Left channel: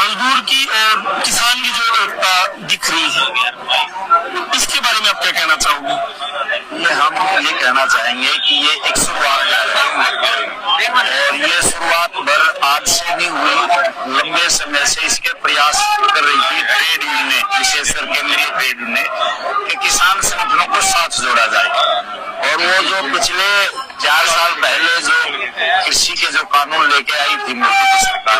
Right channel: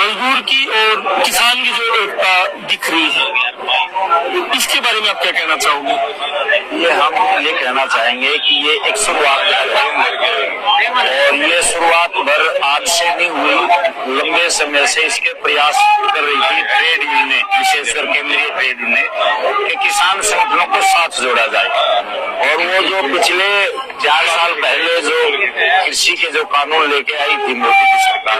मजदूर की और किसान की जो एकता दिख रही है, इसके बारे में आप क्या कहना चाहोगे? ये हम ये कहना चाहेंगे कि ये एक शुरुआत है और ये शुरुआत भर आज से नहीं हुई, लंबे समय से इसके प्रयास कर रही थी ट्रेड यूनियन, विशेषकर केंद्रीय ट्रेड यूनियन कि किसान संगठनों को साथ जोड़ा जाए। और वो जो पिछले 4 साल पहले जो कृषि के जो कानून लेके आई थी मोदी की सरकार,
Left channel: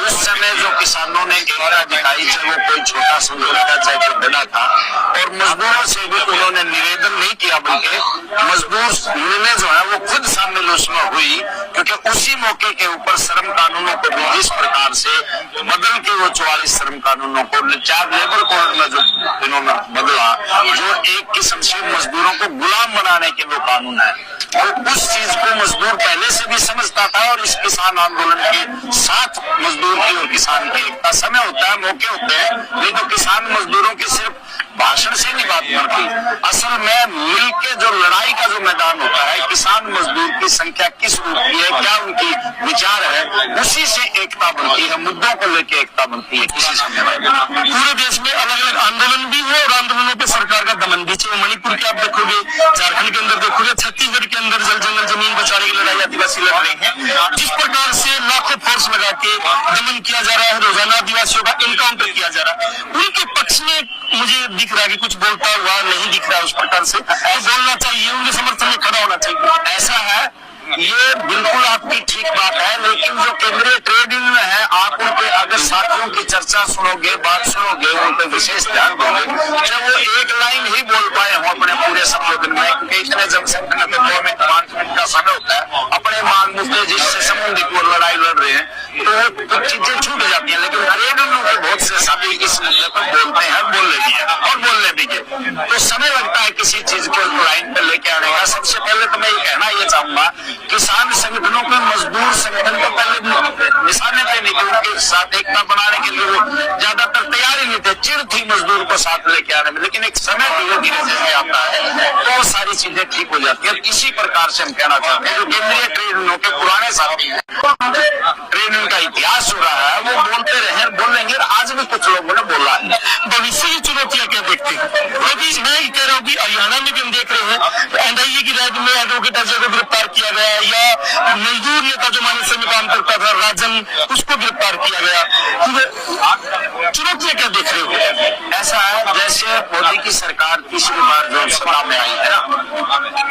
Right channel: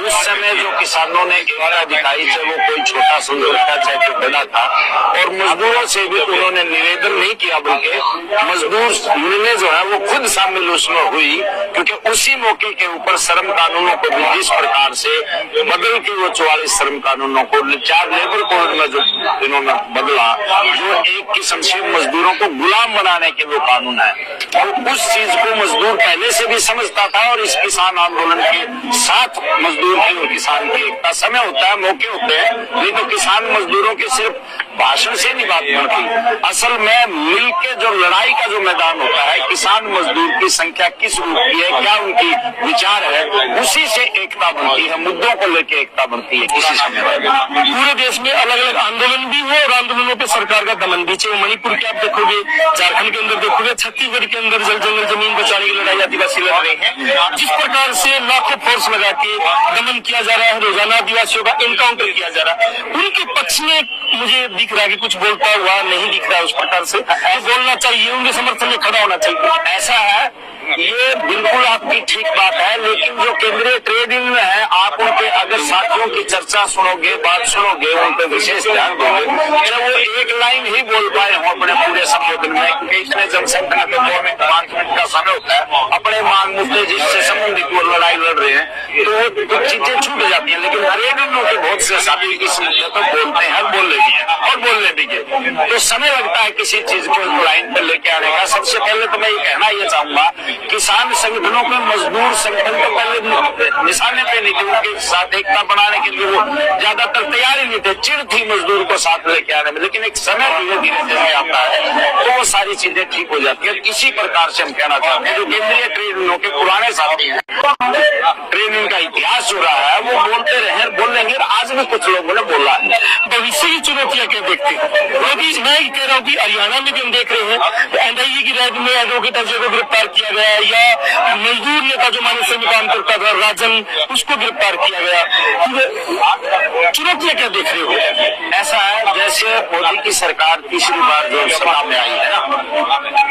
उस समय जो किसानों ने एकता दिखाई, चाहे वो कोई छोटा समझौता चाहे कोई बड़ा था, और मजदूरों से भी उन्होंने निवेदन नहीं किया बल्कि मजदूर यूनियन जो है वो खुद शामिल उसमें हुई, क्योंकि उसी मौके के ऊपर श्रम कानूनों को भी जिस प्रकार से बदल के वो 44 श्रम कानूनों को 4 लेबर कोड में जो इन्होंने बदला, जो एक किस्म से मजदूरों को गुलाम बनाने के वो कानून है, और उस चीज को मजदूर पहले से भी समझता था। और इस किसान आंदोलन के साथ मजदूर की और किसान की एकता, समय होता है, मौके होते हैं, नहीं तो किसान मजदूरों के सिर्फ भाषण से नहीं बात बढ़ती, असल में मिलके जो लड़ाई का जो मैदान होता है, किसान मजदूर की संख्या किस रूप की है, क्या उनकी विचार है, उसी से एकता बनती है, मुद्दों को लेकर एकता बनती है किसी समय। पूरे देश में अलग अलग आंदोलन भी हुए और आंदोलनों पे सरकार का दमन भी, चाहे मणिपुर के आप देखोगे, झारखंड के अंदर देखोगे, छत्तीसगढ़ के अंदर जल जंगल जमीन बचाने की लड़ाई आदिवासी लड़ रहे हैं। जिस प्रकार से लाखों फोर्स लगा के दमन किया जा रहा है, रोजाना आदिवासियों का इनकाउंटर किया जा रहा है, उनके पक्ष में मुझे दिख रहा है कि कुछ बोलता हुआ नहीं दिख रहा है उस प्रकार से। तो बोलना चाहिए, उनके समर्थन में खड़ा होना चाहिए। ऐसा है, ये बिल्कुल आपकी ठीक बात है, लेकिन जो केंद्रीय ट्रेड यूनियन है, आप उनके अगर साथियों की चर्चा सुनोगे, बात सुनोगे, उन पर विशेष ध्यान दोगे, जब वो एक लाइन ही बोल पाए हो अपने पूरे संबोधन में, क्योंकि इतने जनसंख्या में 5 मिनट का समय होता है, अपने मांग मुद्दे जिससे संबंधित वो लड़ाई लड़ रहे हैं, तो कुछ चीजें छूट जाती है। लेकिन ट्रेड यूनियन के बहुत से साथी इस मुद्दे पर बोलते हैं, बोलने भी है और बोलने भी गए, तो समय लगता है किसी चीज को लाइन पर लेके आने का। सबसे पहले तो मैं ये कहना ये चाहूंगा, किसान संगठनों के मजदूर संगठन तो पहले निशाने पे नहीं थे, उनके साथ एकता बनाने के लिए वो ज्यादातर तैयार ही नहीं थे, चिड़ थी मजदूर को साथ लेके आने में। लेकिन एक समय धीरे धीरे जैसे आता है तो वो सारी चीजें ठीक हो जाती है। इसी प्रकार से हम कहना चाहते हैं, जो केंद्रीय ट्रेड यूनियन के पुराने साथी हैं, ट्रेड यूनियन का इतिहास हो रहा है, वो बोलते रहे, बोलेंगे, आज भी कुछ लोगों ने बोला है। भविष्य की चुनौतियां क्या देखते हैं? मैं कह रहा हूँ कि हरियाणा में भी हम देख रहे हैं, एनआईए की रैड में एडवोकेट अजय को गिरफ्तार किया गया, या मजदूर नेता जो मानस में काम करता था राजन, उसको गिरफ्तार किया गया। चुनौतियां क्या देख रहे हो? ऐसा है, जैसे मोदी की सरकार तीसरी बार जो सत्ता में आई है ना,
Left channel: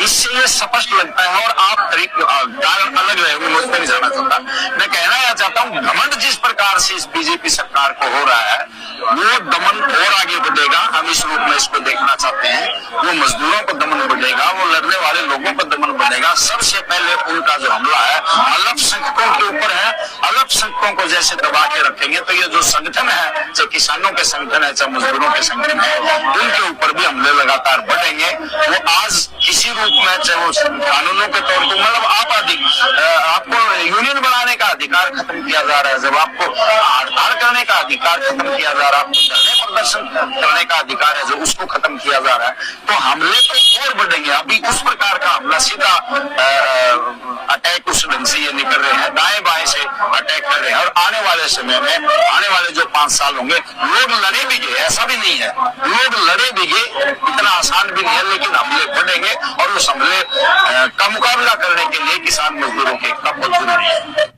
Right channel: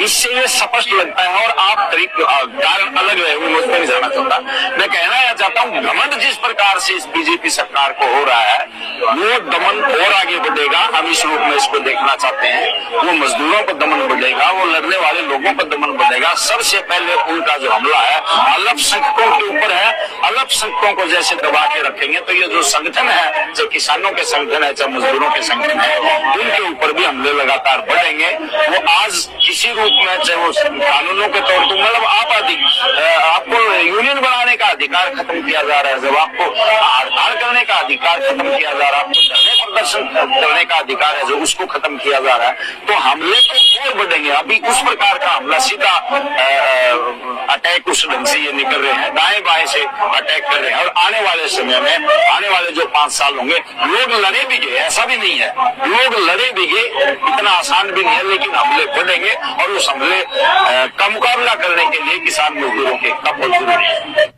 इससे ये स्पष्ट लगता है, और आप कारण अलग रहे, मुझ पर नहीं जाना चाहता, मैं कहना यह चाहता हूँ, घमंड जिस प्रकार से इस बीजेपी सरकार को हो रहा है, वो दमन और आगे बढ़ेगा। हम इस रूप में इसको देखना चाहते हैं, वो मजदूरों को दमन बढ़ेगा, वो लड़ने वाले लोगों को दमन बढ़ेगा। सबसे पहले उनका जो हमला है अल्पसंख्यकों के ऊपर है, अल्पसंख्यकों को जैसे दबा के रखेंगे तो ये जो संगठन है, चाहे किसानों के संगठन है, चाहे मजदूरों के संगठन है, उनके ऊपर भी हमले लगातार बढ़ेंगे। वो आज किसी रूप में, चाहे वो कानूनों के तौर पर, मतलब आपको यूनियन बनाने का अधिकार खत्म किया जा रहा है, जब आपको हड़ताल करने का अधिकार खत्म किया जा रहा है, आपको धरने प्रदर्शन करने का अधिकार है जो उसको खत्म किया जा रहा है, तो हमले तो और बढ़ेंगे। अभी उस प्रकार का हमला सीधा अटैक उस ढंग से ये नहीं कर रहे हैं, दाएं बाएं से अटैक कर रहे हैं। और आने वाले समय में, आने वाले जो 5 साल होंगे, लोग लड़े भी गए, ऐसा भी नहीं है, लोग लड़े भी गए, इतना आसान भी नहीं है, लेकिन हमले बढ़ेंगे और उस हमले का मुकाबला करने के लिए किसान मजदूरों के एकता बहुत जरूरी है।